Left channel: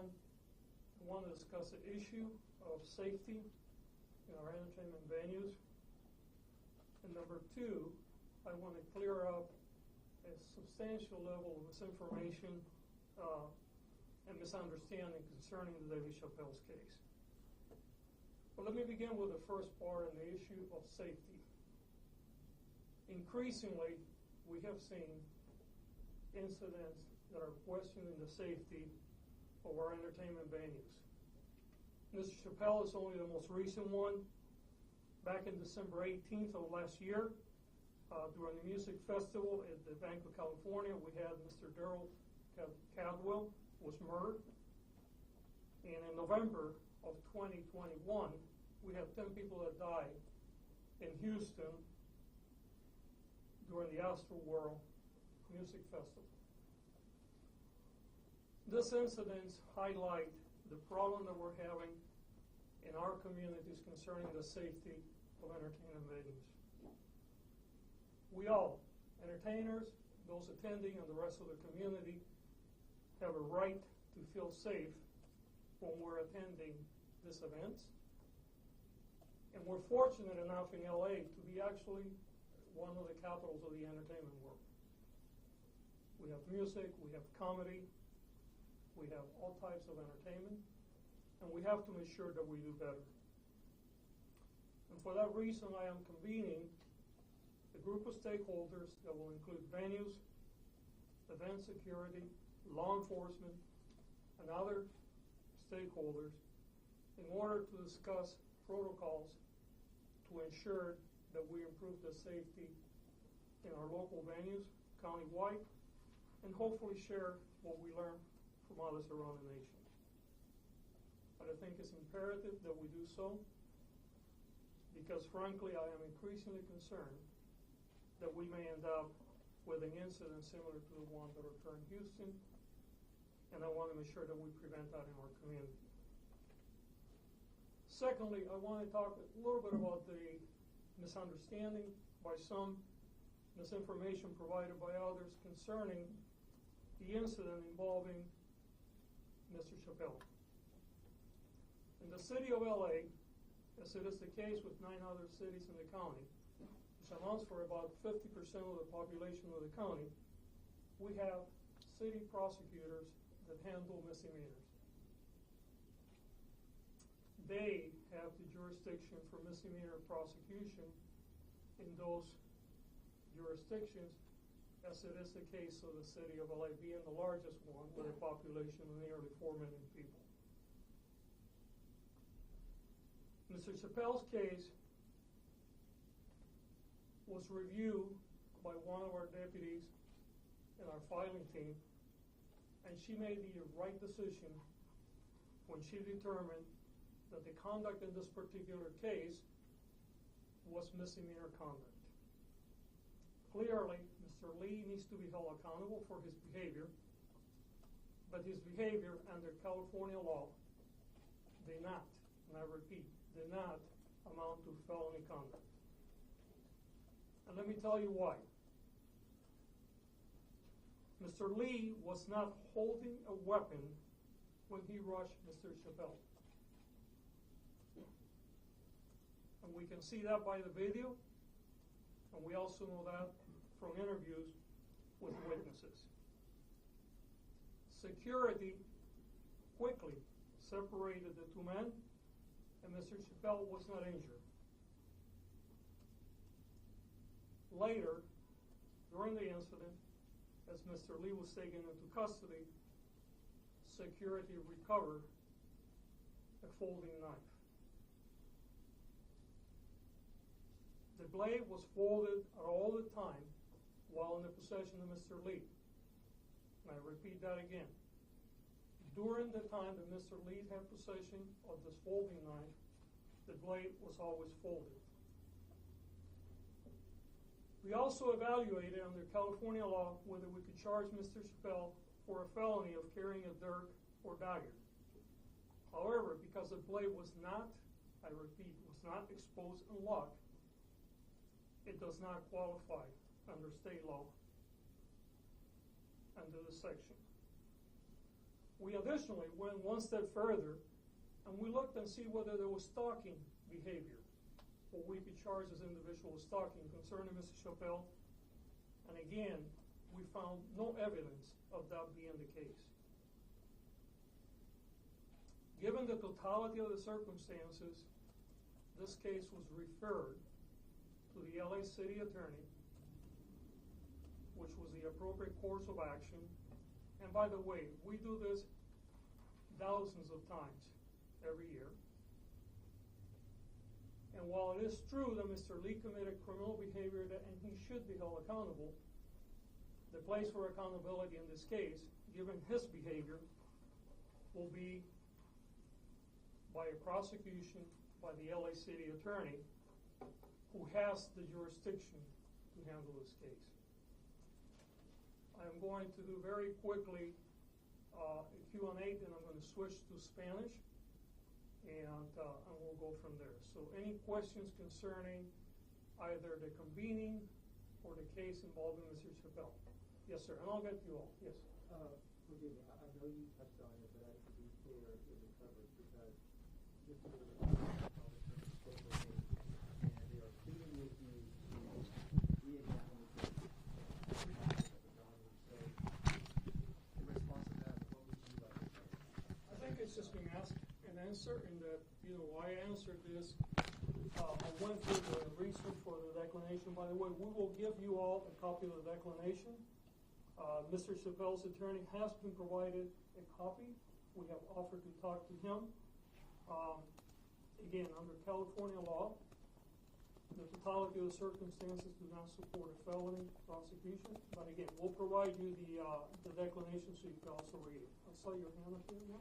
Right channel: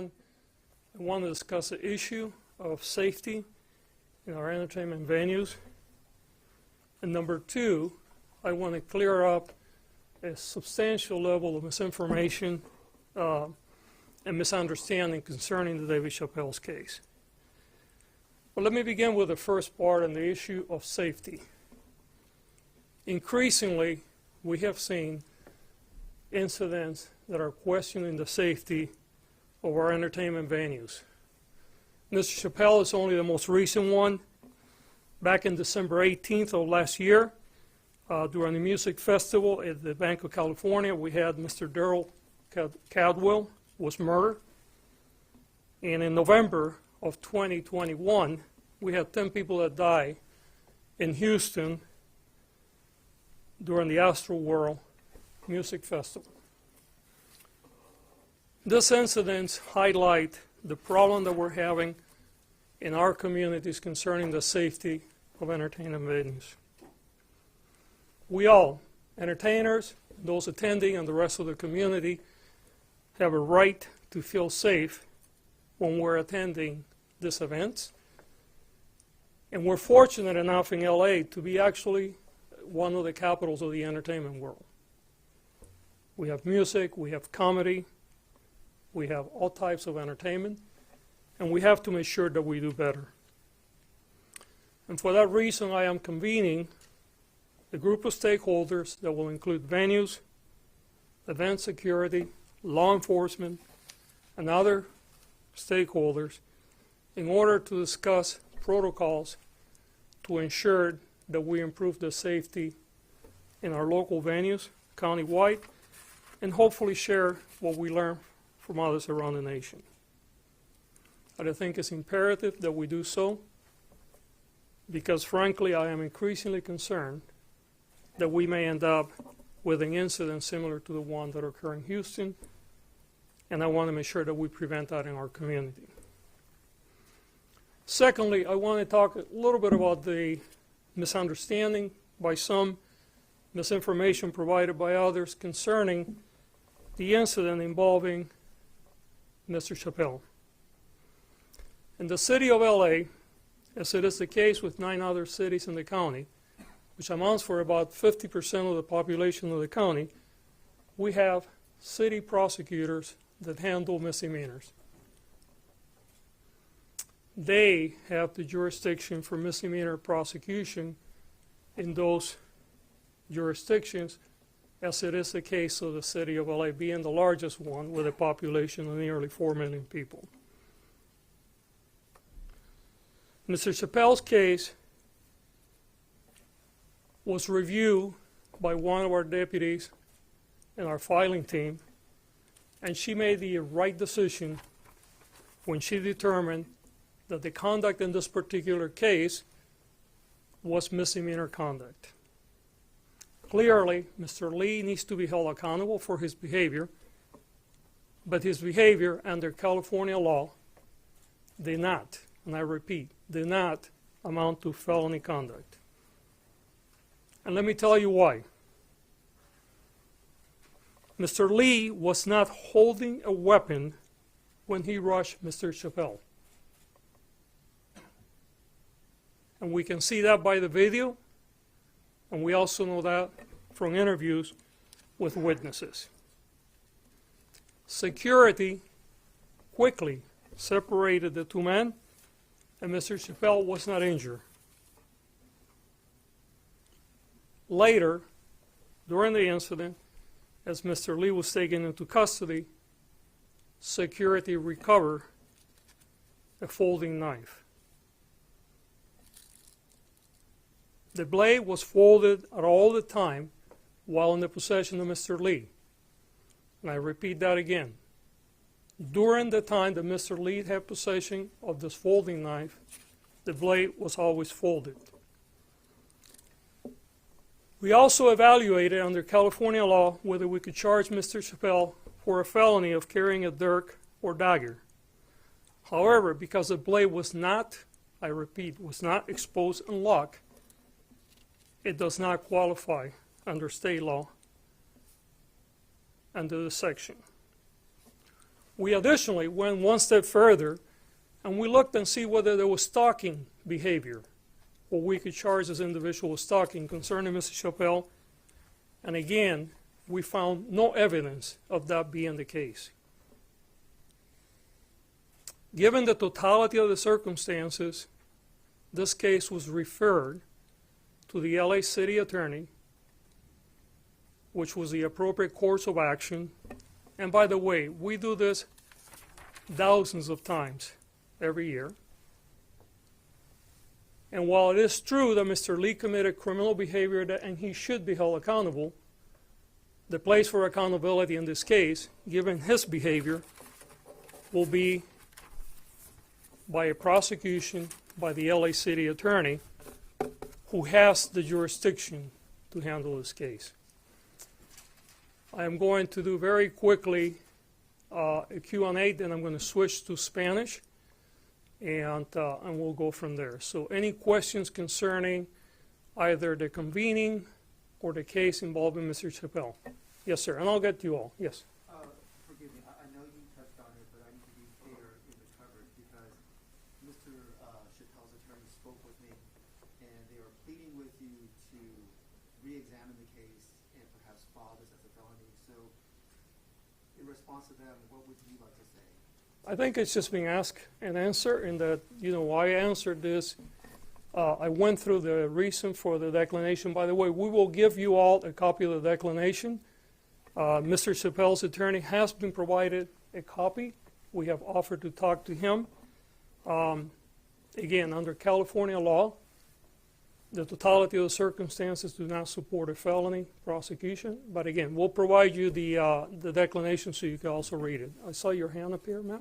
one, I want to discuss the issue of safety in our entertainment venues. And number two, I want to clear up a substantial level of misinformation and misunderstanding concerning the Dave Chappelle's case. But let me begin with the first part on the issue of safety. Increasingly, we have seen incidents that are questioning the safety of our entertainment venues. Mr. Chappelle is only the most recent one. Back in December 18th of last year, during the music festival at the Bank of California, we had Mr. Daryl Cadwell was murdered. And in November of 2021, we had 10 people that died in Houston during the Astro World Music Festival. These incidents highlight the problem that we're having in our communities concerning the safety of entertainment venues. We all, entertainers, those attending, and the rest of the community, have a right to feel safe when we're attending these events. And we're fortunate enough in LA to be actually one of the capitals of the entertainment world. We have music, we have comedy, we have all types of entertainment, and we have to make sure that we do better. And for that reason, I am convening a group of stakeholders that will include venues, event security, law enforcement, and other stakeholders in order to discuss protocols to ensure that we improve the safety in our local venues, countywide, and hopefully share what we learn from others around the nation. And I think it's imperative that we do so because, frankly, I am increasingly concerned that we may end up with an incident similar to the one that occurred in Houston, and I want to make sure that we prevent that in our community. Secondly, I want to talk a little bit about the misunderstanding by some, misinformation provided by others concerning the incident involving Mr. Chappelle. In the city of LA, as it is the case with 9 other cities in the county, which amounts for about 50% of the population of the county, we have city prosecutors that handle misdemeanors. They have the jurisdiction for misdemeanor prosecution in those jurisdictions, as it is the case of the city of LA being the largest one with a population of nearly 4 million people. Mr. Chappelle's case was reviewed by one of our deputies in our filing team, and she made the right decision when she determined that the conduct in this particular case was misdemeanor conduct. Clearly, Mr. Lee needs to be held accountable for his behavior, but his behavior under California law did not, and I repeat, did not amount to felony conduct. And let me tell you why. Mr. Lee was not holding a weapon when he rushed Mr. Chappelle. And we can see that by the video, and we also know that from interviews with witnesses. Security quickly separated the two men, and Mr. Chappelle was not injured. Later, during the incident, as Mr. Lee was taken into custody, security recovered a folding knife. The blade was folded at all the time while in the possession of Mr. Lee. And I repeat that again. During the time that Mr. Lee had possession of this folding knife, the blade was always folded. We also evaluated under California law whether we could charge Mr. Chappelle for a felony of carrying a dirk or dagger. However, because the blade was not, I repeat, was not exposed and locked, it does not qualify under state law under this section. We additionally went one step further, and we looked and see whether there was stalking behavior, or we could charge this individual with stalking concerning Mr. Chappelle. And again, we found no evidence of that being the case. Given the totality of the circumstances, this case was referred to the LA City Attorney, which was the appropriate course of action. And by the way, we do this thousands of times every year. And while it is true that Mr. Lee committed criminal behavior and he should be held accountable, the place for accountability in this case, given his behavior, will be by a prosecution by the LA City Attorney, who has the jurisdiction to handle this case. I am going to do very quickly a Q&A, then I'm going to switch to Spanish, and we'll go from there. So any questions concerning either the convening or the case involving Mr. Chappelle? Yes, sir, and I'll get to you all. Yes. Forgive me, I know you touched on it, but I need to be clear in the coverage because Mr. Chappelle's attorney spoke with me, and they were pleading with you to re-examine the case and have it filed as a felony. So, in response to that, what would you like to say? I think it's just being asked and answered, and that, you know, why I answered this. I went through the reason for the declination. By the way, we will give you all a copy of the declination. Mr. Chappelle's attorney has been provided a copy. We have offered to talk to him. Again, under California law, the totality of the circumstances do not support a felony prosecution. But again, we'll provide you the declination so you can also read it. I saw your hand up here, ma'am.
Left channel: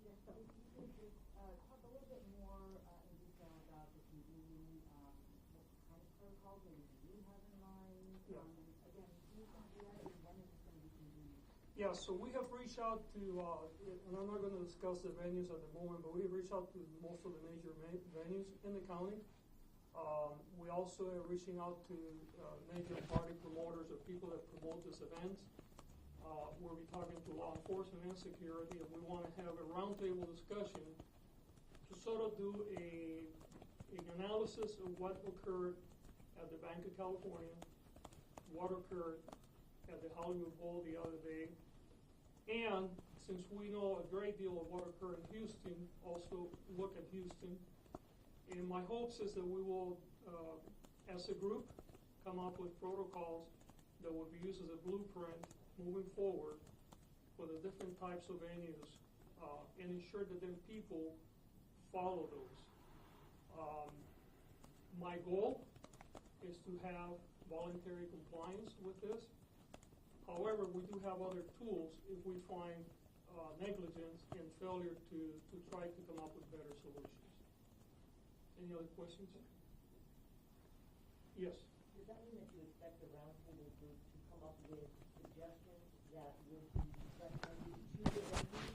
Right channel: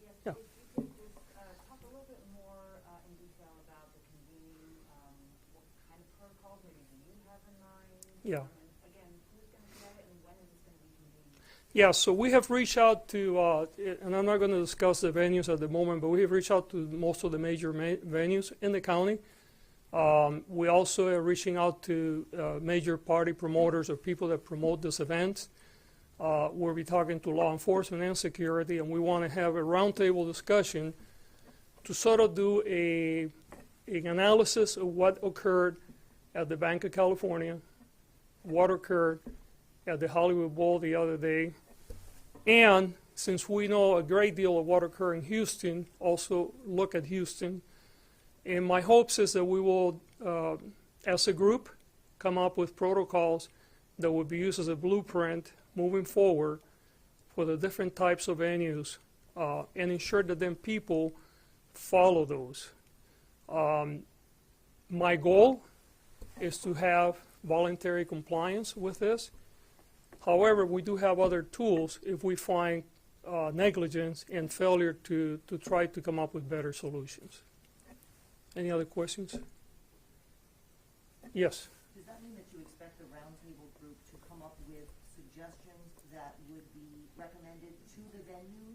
Yes, Yeah. if you could just talk a little bit more in detail about the convening, what kind of protocols maybe do you have in mind? Yeah. And again, who's going to be at it and when is it going to be convened? Yeah, so we have reached out to, and I'm not going to discuss the venues at the moment, but we have reached out to most of the major venues in the county. We also are reaching out to major party promoters or people that promote this event. We'll be talking to law enforcement and security, and we want to have a roundtable discussion to sort of do an analysis of what occurred at the Bank of California, what occurred at the Hollywood Bowl the other day, and since we know a great deal of what occurred in Houston, also look at Houston. And my hopes is that we will, as a group, come up with protocols that would be used as a blueprint moving forward for the different types of venues and ensure that then people follow those. My goal is to have voluntary compliance with this. However, we do have other tools if we find negligence and failure to try to come up with better solutions. Any other questions? Yes. Does that mean that you expect the roundtable group to come up with suggestions that would be recommended to the venues,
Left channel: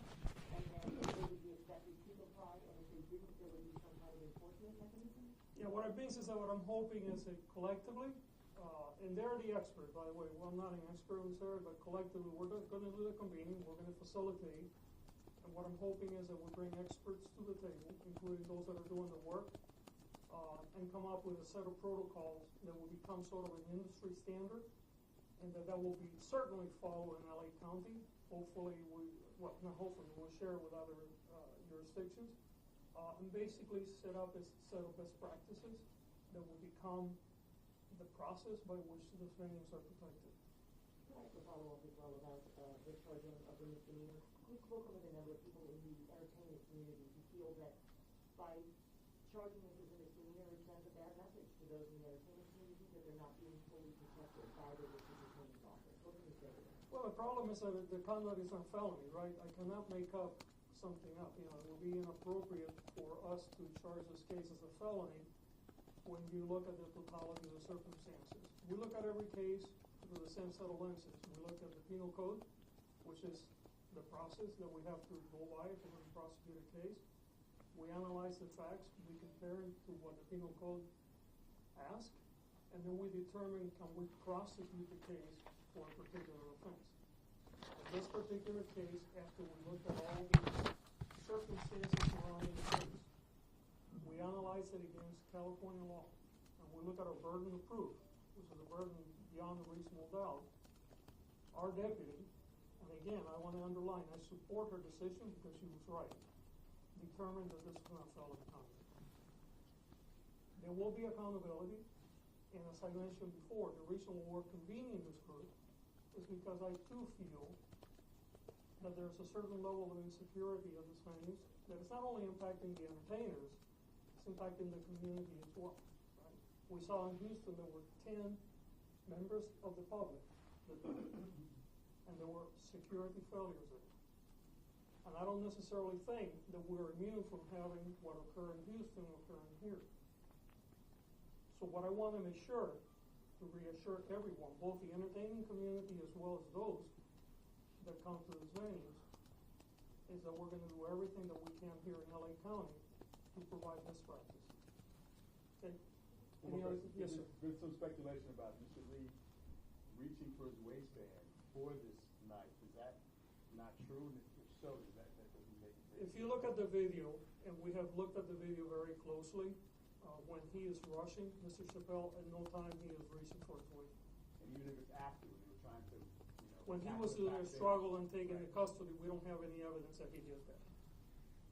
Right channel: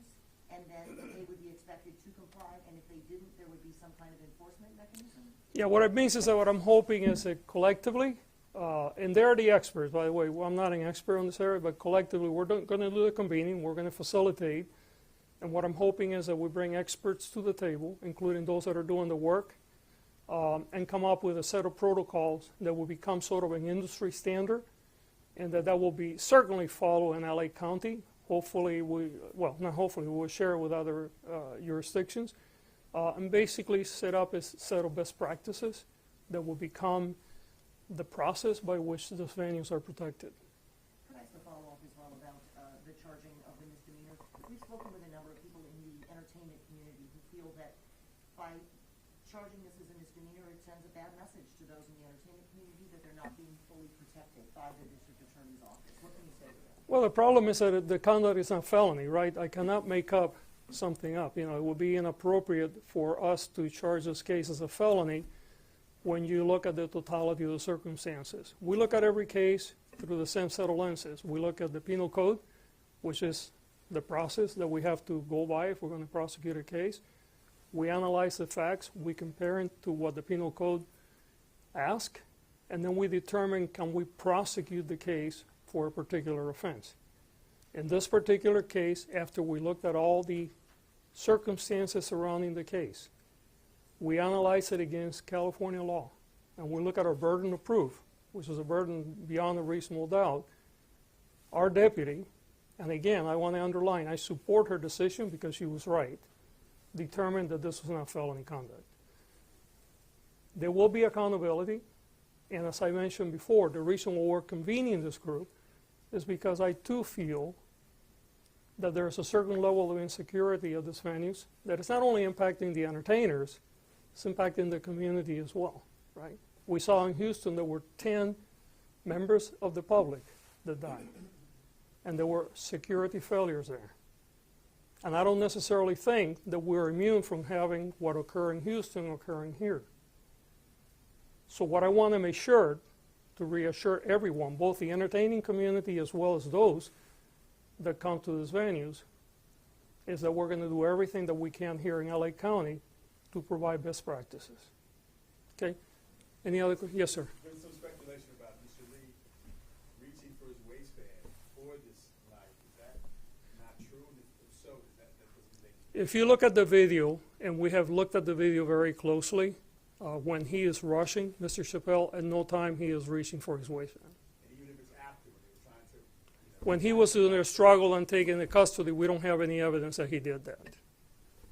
and then they would be expected to comply, and if they didn't, there would be some kind of enforcement mechanism? Yeah, what it means is that what I'm hoping is that collectively, and they're the experts, by the way. Well, I'm not an expert on this area, but collectively we're going to do the convening, we're going to facilitate, and what I'm hoping is that we bring experts to the table, including those that are doing the work, and come up with a set of protocols that will become sort of an industry standard, and that will be certainly followed in LA County. Hopefully, not hopefully, we'll share it with other jurisdictions, and basically set up a set of best practices that will become the process by which those venues are protected. Could I ask a follow-up as well about the charging of the misdemeanor? We've spoken with a number of people in the entertainment community who feel that by charging this as a misdemeanor, it sends a bad message to those in the entertainment community that they're not being fully protected by the district attorney's office. What can you say to that? Well, the problem is that the conduct is not felony, right? I cannot make up something up. You know, it would be inappropriate for us to charge this case as a felony when you look at the totality of the circumstances. We look at every case through the same set of lenses. We look at the penal code, which is the process that we have to go by if we're going to prosecute a case. We analyze the facts, we compare it to what the penal code asks, and then we determine, can we prosecute the case for a particular offense. In this particular case, after we looked at all the circumstances surrounding the case, we analyzed it against California law, and we look at our burden of proof, which is a burden beyond a reasonable doubt. Our deputy, and again, I want to underline, I support her decision because she was right, determined that this was not felony conduct. There will be accountability, and as I mentioned before, the reason why we're convening this group is because I too feel that there's a certain level of insecurity of these venues that is not only impacting the entertainers, it's impacting the community as well, right? We saw in Houston there were 10 members of the public that died, and there were security failures there. And I don't necessarily think that we're immune from having what occurred in Houston occurring here. So what I want to make sure to reassure everyone, both the entertaining community as well as those that come to these venues, is that we're going to do everything that we can here in LA County to provide best practices. Okay? Any other questions? Yes, sir. There's some speculation about Mr. Lee reaching for his waistband for this night. Is that not true? If so, that doesn't make If you look at the video, and we have looked at the video very closely, when he is rushing, Mr. Chappelle, at no time he is reaching for his waistband. And even if it's after, when he was trying to, When he was in a struggle and taken into custody, we don't have any evidence that he did that.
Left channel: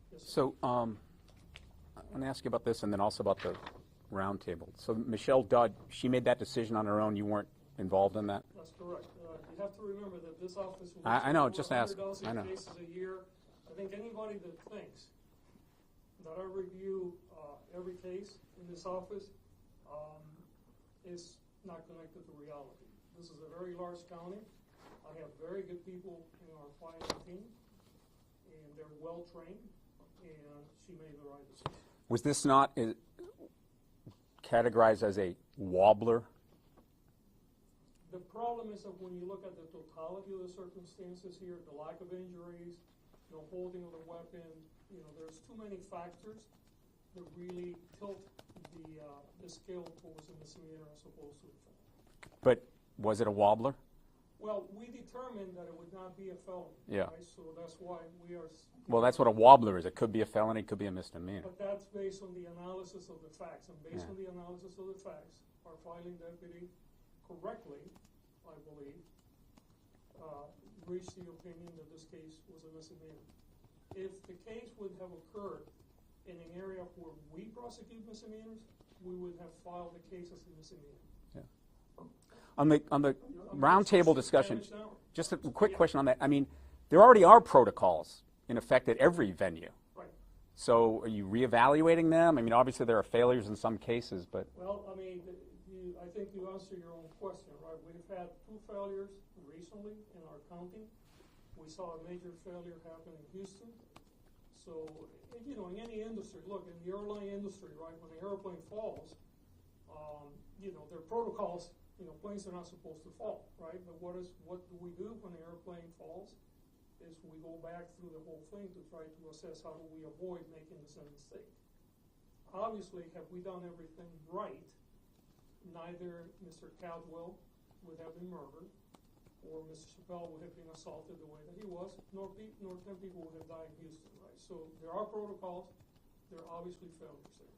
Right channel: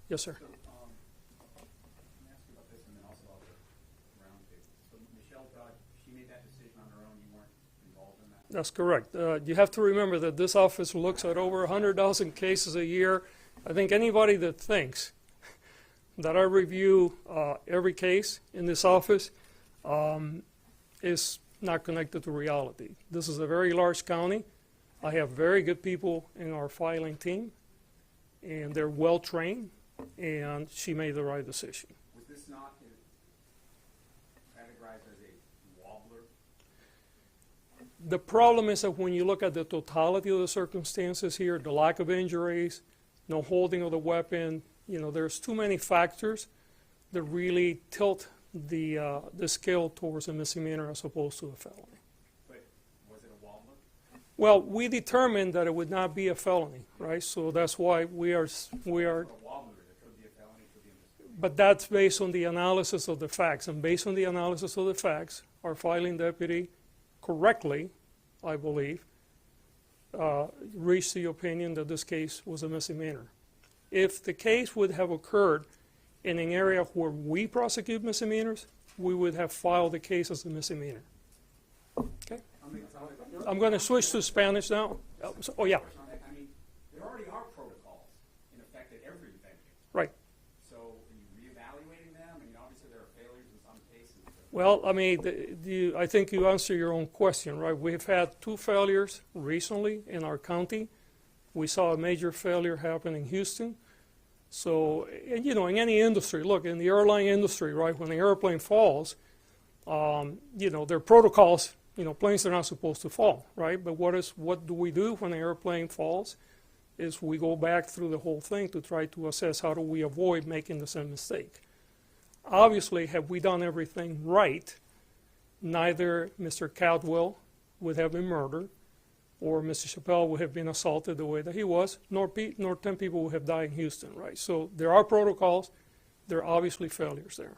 Yes, sir. So I want to ask you about this and then also about the round table. So Michelle Dudd, she made that decision on her own. You weren't involved in that? That's correct. You have to remember that this office looks I at know, over just 100,000 I know. cases a year. I think anybody that thinks that I review every case in this office is not connected to reality. This is a very large county. I have very good people in our filing team, and they're well trained, and she made the right decision. Was this not categorized as a wobbler? The problem is that when you look at the totality of the circumstances here, the lack of injuries, no holding of the weapon, you know, there's too many factors that really tilt the scale towards a misdemeanor as opposed to a felony. But was it a wobbler? Well, we determined that it would not be a felony, Yeah. right? So that's why we are. Well, that's what a wobbler is. It could be a felony, it could be a misdemeanor. But that's based on the analysis of the facts, and based on the analysis of the facts, our filing deputy correctly, I believe, reached the opinion that this case was a misdemeanor. If the case would have occurred in an area where we prosecute misdemeanors, we would have filed the case as a misdemeanor. Okay. On the I'm going to round switch table to discussion, Spanish now. just a Oh, quick yeah. question on that. I mean, there already are protocols in effect at every venue. Right. So are you reevaluating them? I mean, obviously there are failures in some cases, but Well, I mean, I think you answer your own question, right? We've had 2 failures recently in our county. We saw a major failure happen in Houston. So, and, you know, in any industry, look, in the airline industry, right, when the airplane falls, you know, there are protocols, you know, planes are not supposed to fall, right? But what do we do when the airplane falls? Is we go back through the whole thing to try to assess how do we avoid making the same mistake. Obviously, have we done everything right, neither Mr. Caldwell would have been murdered, or Mr. Chappelle would have been assaulted the way that he was, nor 10 people would have died in Houston, right? So there are protocols. There are obviously failures there.